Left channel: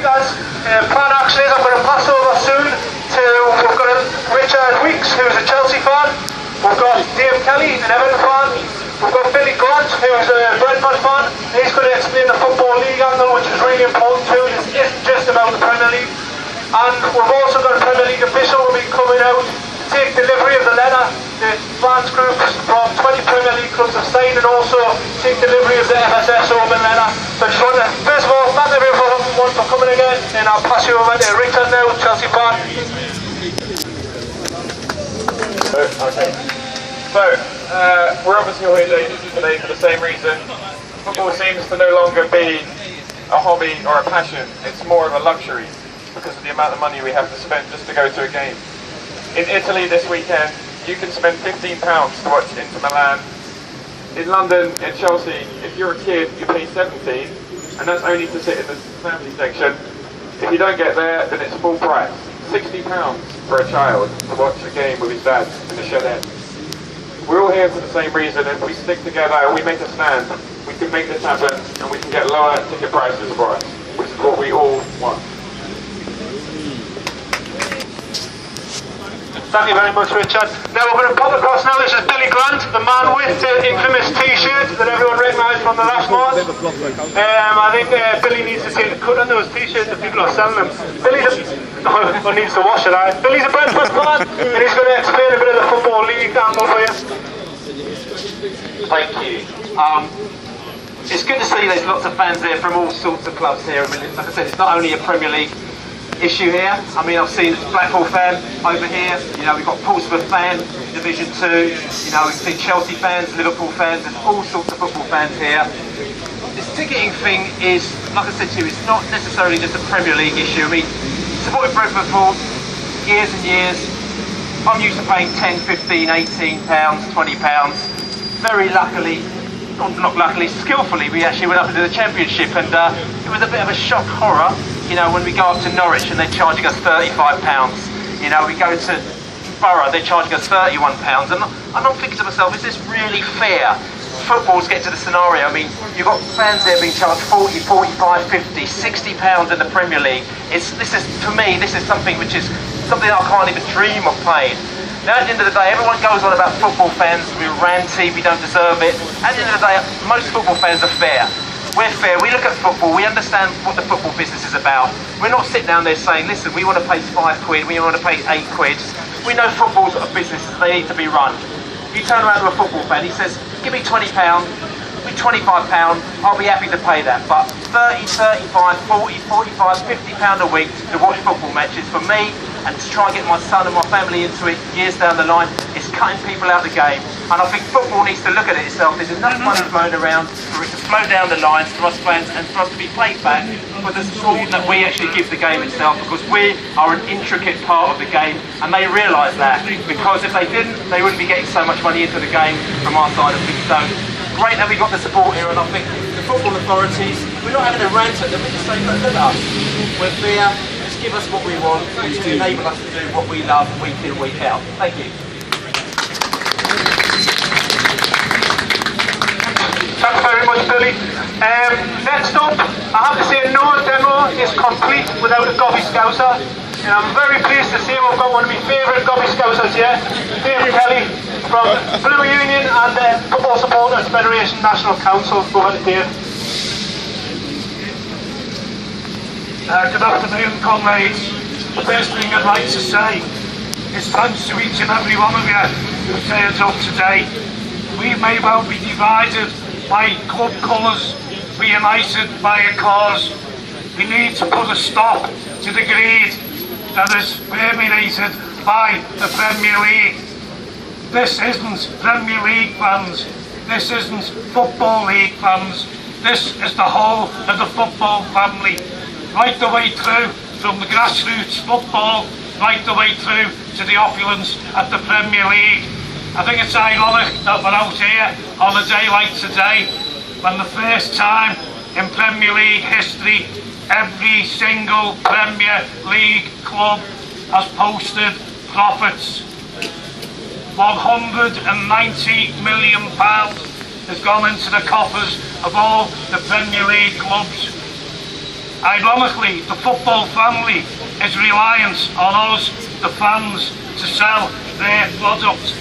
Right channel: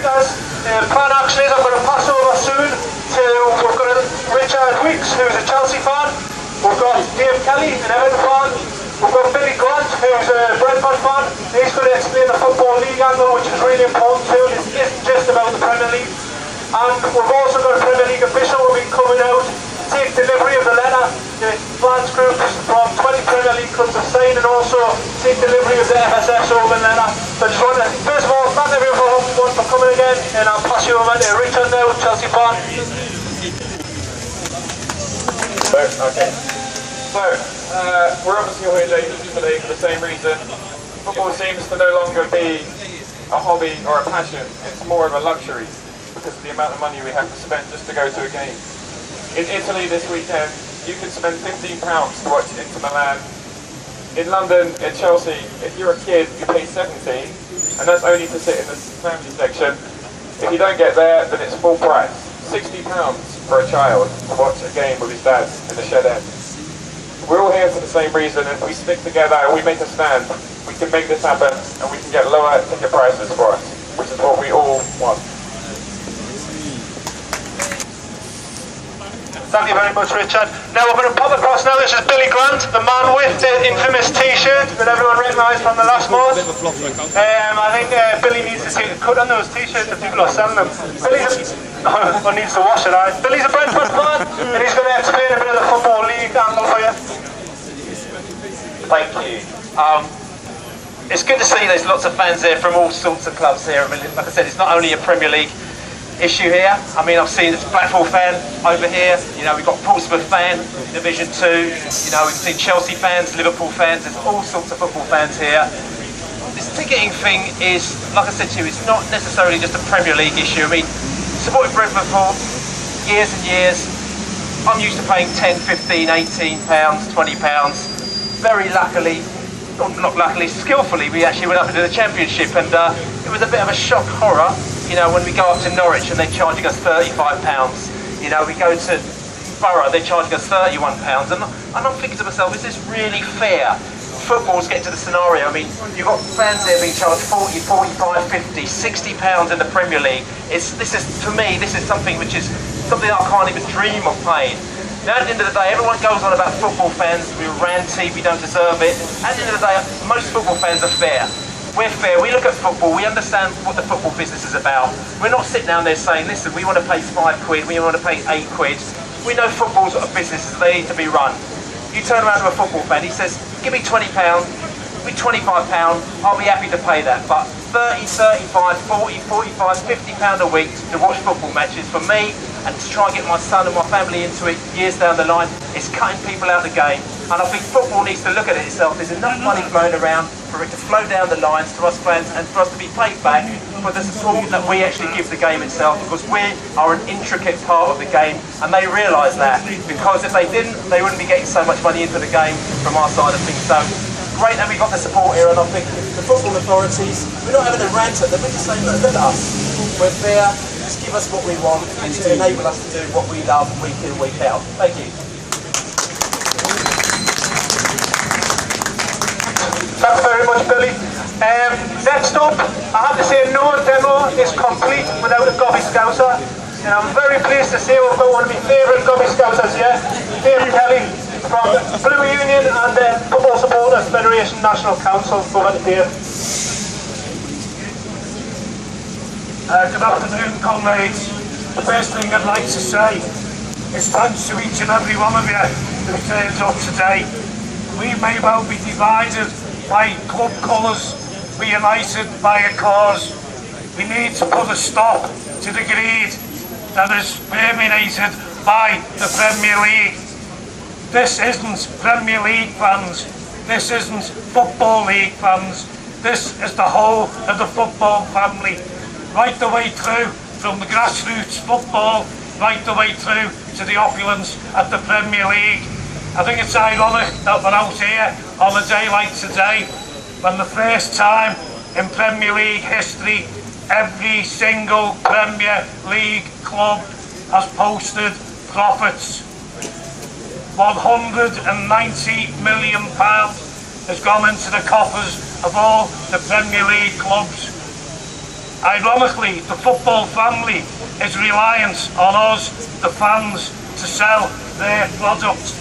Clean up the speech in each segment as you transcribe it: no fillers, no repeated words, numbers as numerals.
guys, plan action is I'm going to pass over soon to, we've got Richard Weeks, who's a Chelsea fan. We've got Dave Kelly, an Everton fan. We've got Billy Grant, who's a Brentford fan. He's going to explain the Football League angle, which is really important too. This isn't just about the Premier League. And we've also got a Premier League official who will be coming out to take delivery of the letter. The fans groups from 20 Premier League clubs have signed, and also take delivery of the FSF Open letter. So I just want to, first of all, thank everyone for coming again, and I'll pass you over to Richard now, Chelsea fan. Okay. So, we're obviously all here today for the same reason. Football seems to no longer be a hobby or a passion, it's more of a luxury because of the amount of money we have to spend just to go to a game. In Italy this weekend, you can spend £15 to watch Inter Milan. In London, in Chelsea, if you're a kid, you pay 17, and that's only to sit in the family section. If you don't get there, then it's full price. £60 for a child to watch a game with his dad in the shed end. We're all here for the same reason, and if we stick together and we make a stand, we can make this happen, and we can get lower ticket prices for us, which is what we all want. Thank you very much, Richard. Now we're going to pop across now. This is Billy Grant, the man with the infamous T-shirt that everyone recognised from the last Mars. I think Billy needs to take a cut on those T-shirts if people are selling them. Billy's or needs to wash it out. Billy's a Brentford fan, and he's going to explain a bit of the Football League angle for you. Thank you. It's good to see there's lots of fans there from all sorts of clubs here. I mean, like I said, it's not only a Premier League issue here. I mean, I've seen a Blackpool fan over here. You know, we've got Portsmouth fan, Division 2. You know, we've seen Chelsea fans, Liverpool fans. There's all sorts of football fans here. This ticketing thing is, like I said to you, it's not necessarily just a Premier League issue. I mean, supported Brentford for years and years. I'm used to paying 10, 15, 18 pounds, 20 pounds. Very luckily, not luckily, skillfully, we actually went up into the Championship, and it was a bit of a shock horror. You know, when we go up to Norwich and they're charging us £35, you know, we go to Borough, they're charging us £31, and I'm thinking to myself, is this really fair? Football's getting to the scenario, I mean, you've got fans there being charged 40, 45, 50, £60 in the Premier League. This is, for me, this is something which is something I can't even dream of paying. Now, at the end of the day, everyone goes on about football fans, we're ranty, we don't deserve it. At the end of the day, most football fans are fair. We're fair, we look at football, we understand what the football business is about. We're not sitting down there saying, listen, we want to pay £5, we want to pay £8. We know football's got a business, they need to be run. You turn around to a football fan, he says, give me £20, give me £25, I'll be happy to pay that. But 30, 35, 40, 45, £50 a week to watch football matches, for me, and to try and get my son and my family into it years down the line, it's cutting people out of the game. And I think football needs to look at it itself. There's enough money flowing around for it to flow down the lines to us fans and for us to be paid back for the support that we actually give the game itself, because we are an intricate part of the game, and they realise that. Because if they didn't, they wouldn't be getting so much money into the game from our side of things. So great that we got the support here, and I think the football authorities, we're not having a rant at them, we're just saying, look at us. We're fair, just give us what we want and to enable us to do what we love week in, week out. Thank you. Thank you very much, Billy. Next up, I have to say, no demo is complete without a Gobby Scouser. And I'm very pleased to say we've got one of my favourite Gobby Scousers here, Dave Kelly from Blue Union and the Football Supporters Federation National Council. Go ahead, Dave. Good afternoon, comrades. The first thing I'd like to say is thanks to each and every one of you who turned up today. We may well be divided by club colours, be united by a cause. We need to put a stop to the greed that is permeated by the Premier League. This isn't Premier League fans, this isn't Football League fans, this is the whole of the football family, right the way through from the grassroots football, right the way through to the opulence of the Premier League. I think it's ironic that we're out here on a day like today, when the first time in Premier League history, every single Premier League club has posted profits. £190 million has gone into the coffers of all the Premier League clubs. Ironically, the football family is reliant on us, the fans, to sell their product.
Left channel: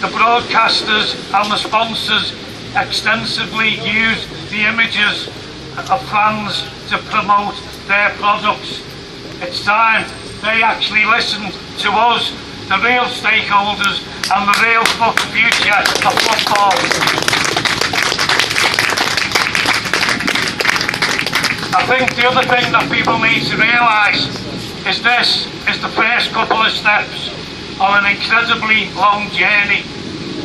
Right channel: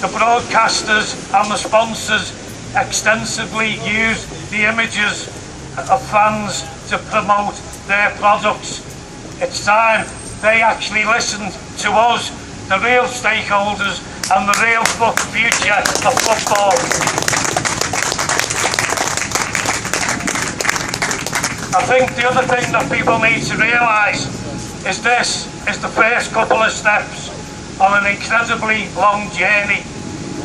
The broadcasters and the sponsors extensively use the images of fans to promote their products. It's time they actually listen to us, the real stakeholders and the real future of football. I think the other thing that people need to realise is this is the first couple of steps on an incredibly long journey.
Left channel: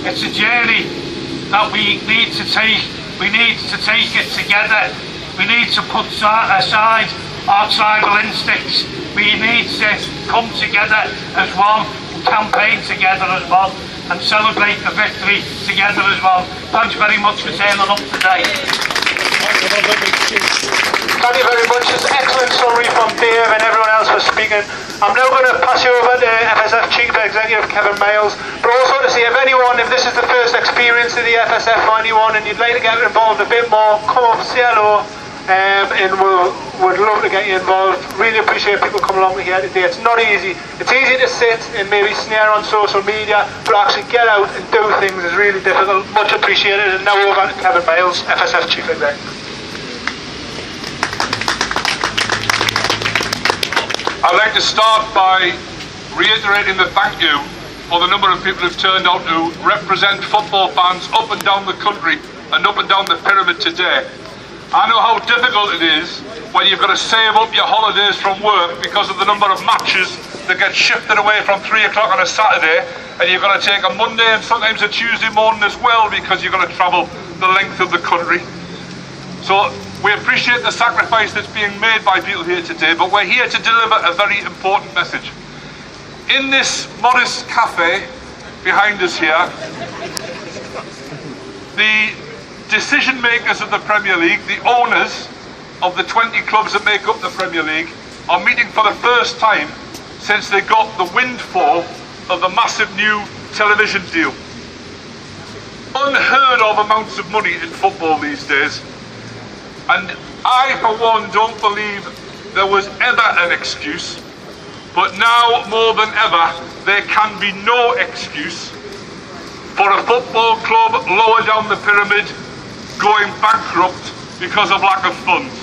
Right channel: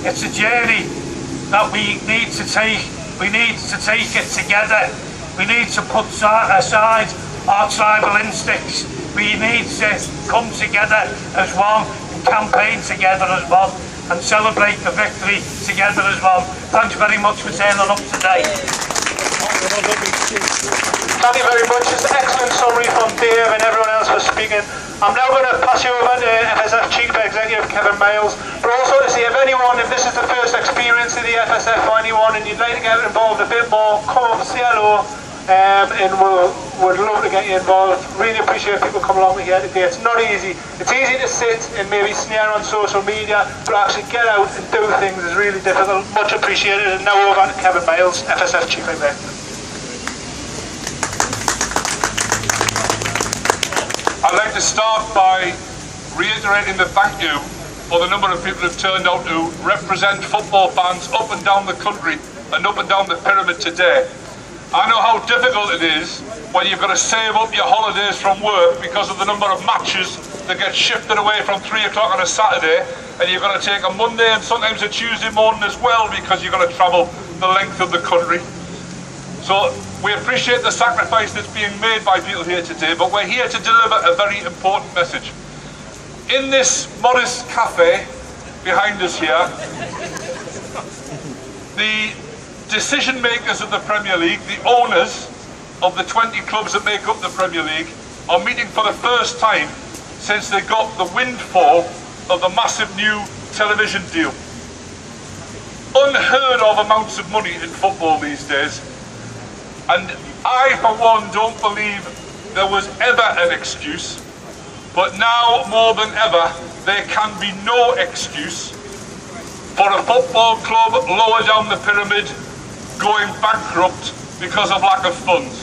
It's a journey that we need to take. We need to take it together. We need to put aside our tribal instincts. We need to come together as one, campaign together as one, and celebrate the victory together as one. Thanks very much for turning up today. Thank you very much. It's an excellent summary from Dave and everyone else for speaking. I'm now going to pass you over to FSF Chief Executive Kevin Miles, but also to see if this is the first experience of the FSF for anyone and you'd like to get involved a bit more, come up and say hello, and we'd love to get you involved. Really appreciate people coming along here today. It's not easy. It's easy to sit and maybe snare on social media, but actually get out and do things is really difficult. Much appreciated. And now over to Kevin Miles, FSF Chief Executive. I'd like to start by reiterating the thank you for the number of people who've turned out to represent football fans up and down the country and up and down the pyramid today. I know how difficult it is when you've got to save up your holidays from work because of the number of matches that get shifted away from 3 o'clock on a Saturday, and you've got to take a Monday and sometimes a Tuesday morning as well because you've got to travel the length of the country. So we appreciate the sacrifice that's being made by people here today, but we're here to deliver a very important message. In this modest cafe behind us here, the decision makers of the Premier League, the owners of the 20 clubs that make up the Premier League, are meeting for the first time since they got the windfall of the massive new television deal. Unheard of amounts of money in football these days. And I, for one, don't believe there was ever an excuse, but now more than ever, there can be no excuse for a football club lower down the pyramid going bankrupt because of lack of funds.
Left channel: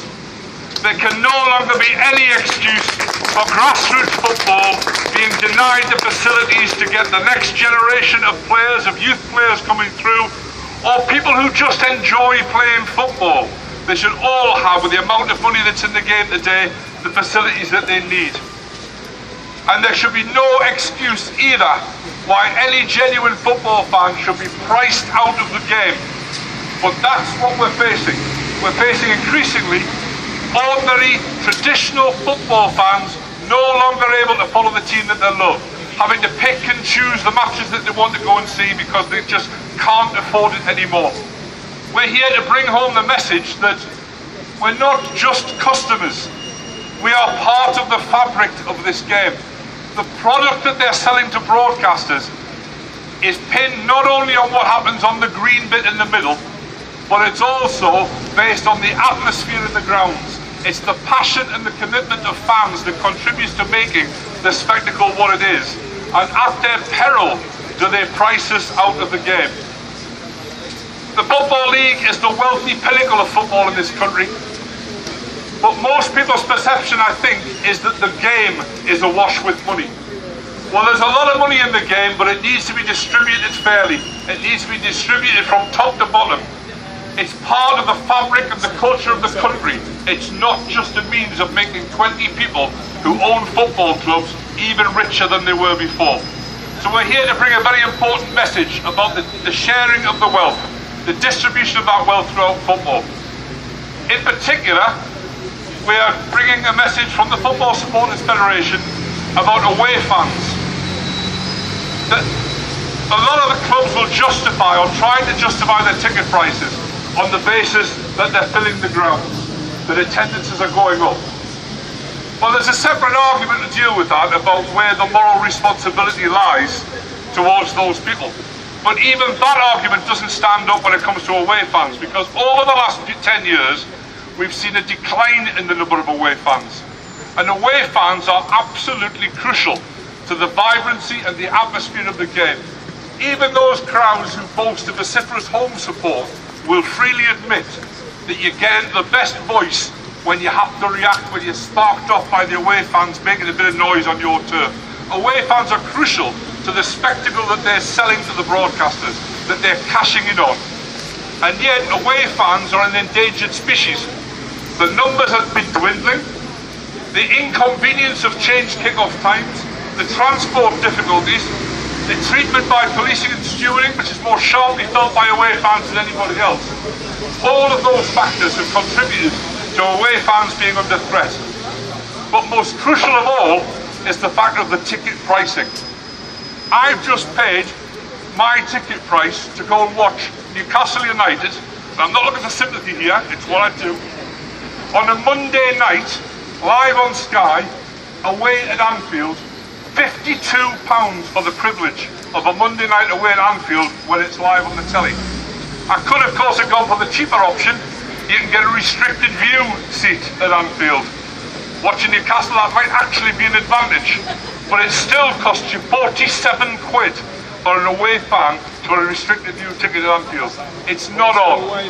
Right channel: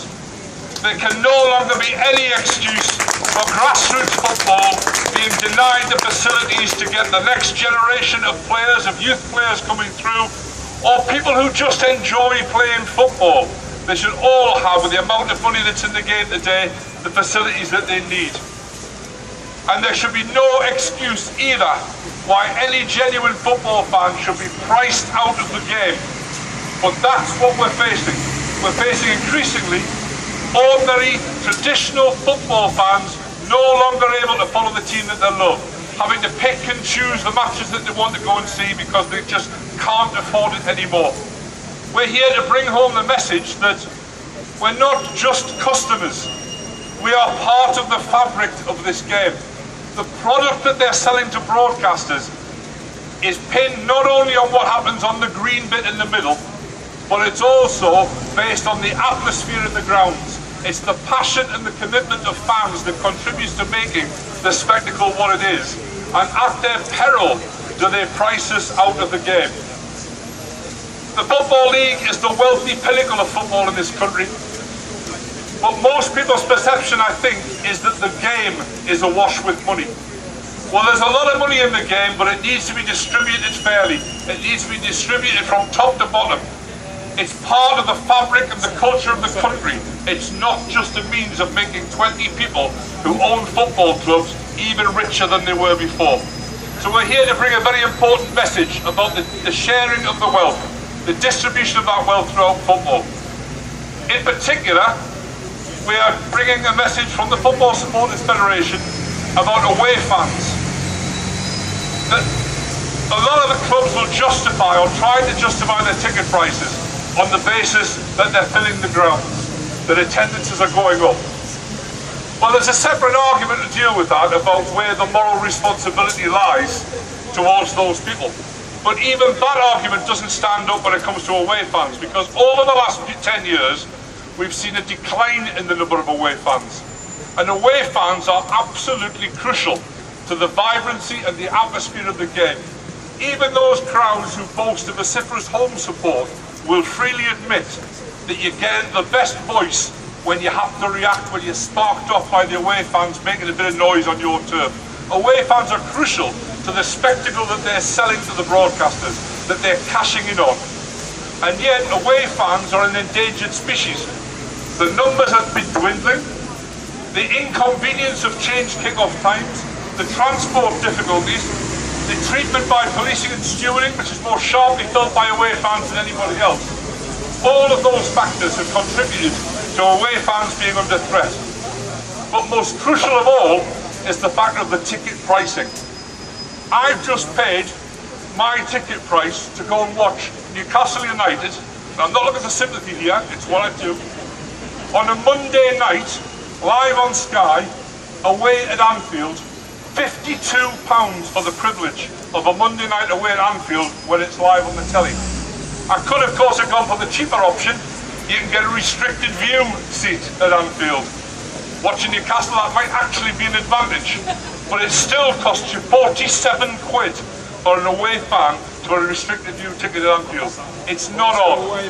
There can no longer be any excuse for grassroots football being denied the facilities to get the next generation of players, of youth players coming through, or people who just enjoy playing football. They should all have, with the amount of money that's in the game today, the facilities that they need. And there should be no excuse either why any genuine football fan should be priced out of the game. But that's what we're facing. We're facing increasingly ordinary, traditional football fans no longer able to follow the team that they love, having to pick and choose the matches that they want to go and see because they just can't afford it anymore. We're here to bring home the message that we're not just customers. We are part of the fabric of this game. The product that they're selling to broadcasters is pinned not only on what happens on the green bit in the middle, but it's also based on the atmosphere in the grounds. It's the passion and the commitment of fans that contributes to making the spectacle what it is. And at their peril do they price us out of the game. The Football League is the wealthy pinnacle of football in this country. But most people's perception, I think, is that the game is awash with money. Well, there's a lot of money in the game, but it needs to be distributed fairly. It needs to be distributed from top to bottom. It's part of the fabric and the culture of the country. It's not just a means of making 20 people who own football clubs even richer than they were before. So we're here to bring a very important message about the sharing of the wealth, the distribution of that wealth throughout football. In particular, we are bringing a message from the Football Supporters Federation about away fans. That a lot of the clubs will justify or try to justify their ticket prices on the basis that they're filling the grounds, that attendances are going up. Well, there's a separate argument to deal with that about where the moral responsibility lies towards those people. But even that argument doesn't stand up when it comes to away fans, because over the last 10 years, we've seen a decline in the number of away fans. And away fans are absolutely crucial to the vibrancy and the atmosphere of the game. Even those crowds who boast a vociferous home support will freely admit that you get the best voice when you have to react, when you're sparked off by the away fans making a bit of noise on your turf. Away fans are crucial to the spectacle that they're selling to the broadcasters, that they're cashing in on. And yet, away fans are an endangered species. The numbers have been dwindling. The inconvenience of changed kick-off times, the transport difficulties, the treatment by policing and stewarding, which is more sharply felt by away fans than anybody else. All of those factors have contributed to away fans being under threat. But most crucial of all is the fact of the ticket pricing. I've just paid my ticket price to go and watch Newcastle United, and I'm not looking for sympathy here, it's what I do, on a Monday night, live on Sky, away at Anfield, £52 for the privilege of a Monday night away at Anfield when it's live on the telly. I could of course have gone for the cheaper option. You can get a restricted view seat at Anfield. Watching Newcastle, that might actually be an advantage, but it still costs you 47 quid for an away fan to a restricted view ticket at Anfield. It's not on.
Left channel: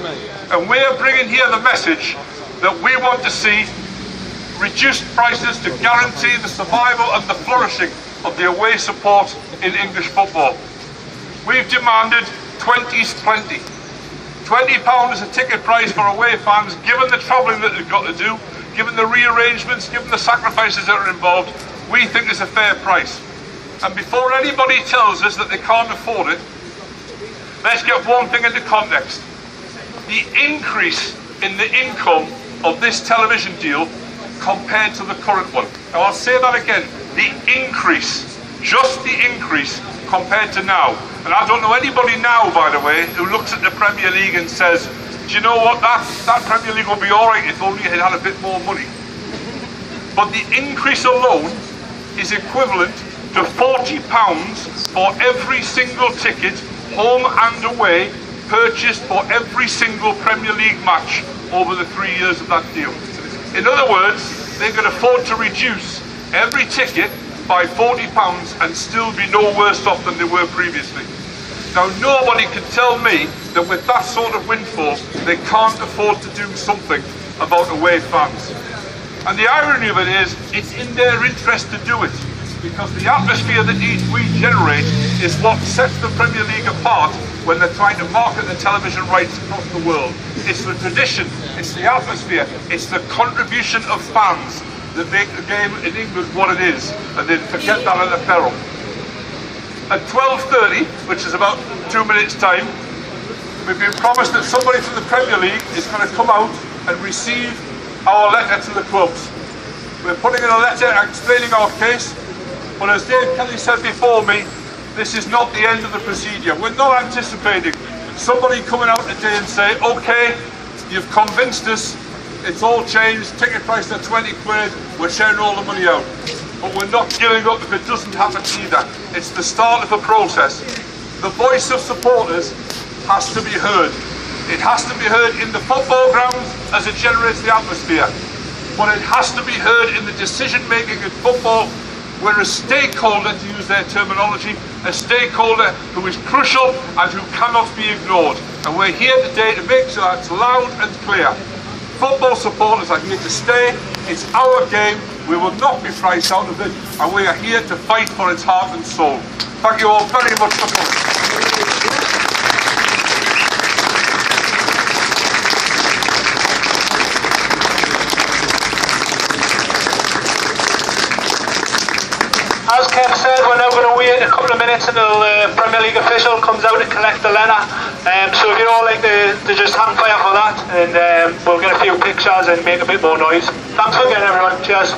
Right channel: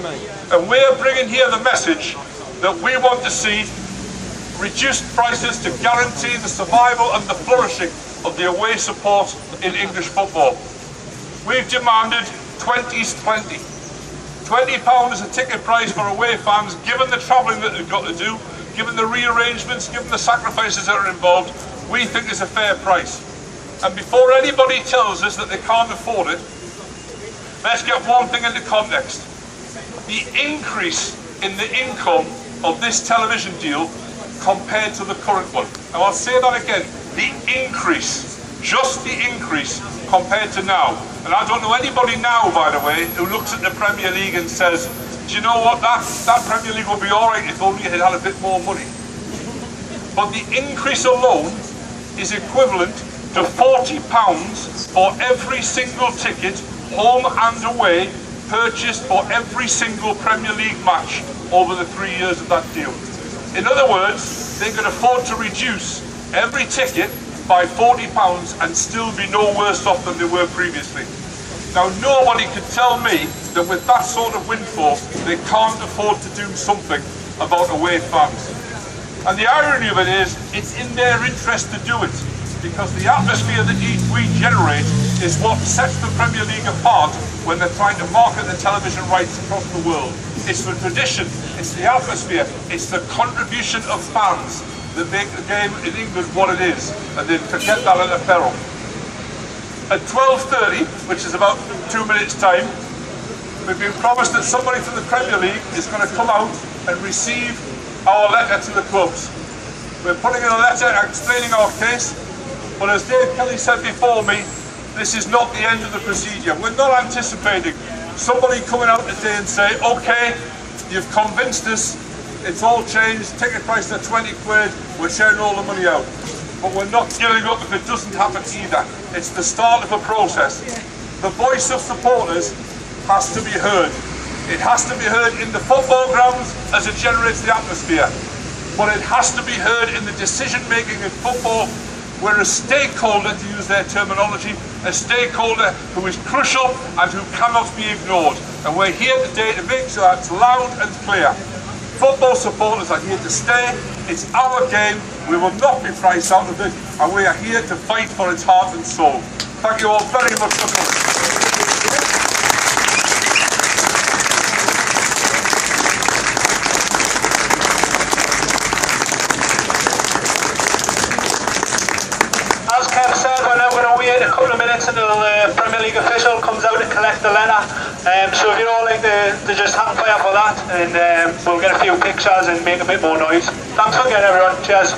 And we're bringing here the message that we want to see reduced prices to guarantee the survival and the flourishing of the away support in English football. We've demanded 20's plenty. £20 is a ticket price for away fans, given the travelling that they've got to do, given the rearrangements, given the sacrifices that are involved. We think it's a fair price. And before anybody tells us that they can't afford it, let's get one thing into context. The increase in the income of this television deal compared to the current one. Now I'll say that again, the increase, just the increase compared to now. And I don't know anybody now, by the way, who looks at the Premier League and says, do you know what, that Premier League will be alright if only it had a bit more money. But the increase alone is equivalent to £40 for every single ticket, home and away, purchased for every single Premier League match over the 3 years of that deal. In other words, they could afford to reduce every ticket by £40 and still be no worse off than they were previously. Now, nobody can tell me that with that sort of windfall, they can't afford to do something about away fans. And the irony of it is, it's in their interest to do it, because the atmosphere that we generate is what sets the Premier League apart when they're trying to market the television rights across the world. It's the tradition, it's the atmosphere, it's the contribution of fans that make the game in England what it is, and then forget that at a peril. At 12:30, which is about 2 minutes' time, we've been promised that somebody from the Premier League is going to come out and receive our letter to the clubs. We're putting in a letter explaining our case, but as Dave Kelly said before me, this is not the end of the procedure. We're not anticipating somebody coming out today and say, okay, you've convinced us, it's all changed, ticket price at 20 quid, we're sharing all the money out. But we're not giving up if it doesn't happen either. It's the start of a process. The voice of supporters has to be heard. It has to be heard in the football grounds as it generates the atmosphere. But it has to be heard in the decision making in football, where a stakeholder, to use their terminology, a stakeholder who is crucial and who cannot be ignored. And we're here today to make sure that's loud and clear. Football supporters are here to stay. It's our game. We will not be priced out of it, and we are here to fight for its heart and soul. Thank you all very much for coming. As Kev said, we're now going to wait a couple of minutes until the Premier League official comes out to collect the letter. So if you'd all like to just hang fire for that, and we'll get a few pictures and make a bit more noise. Thanks again, everyone. Cheers.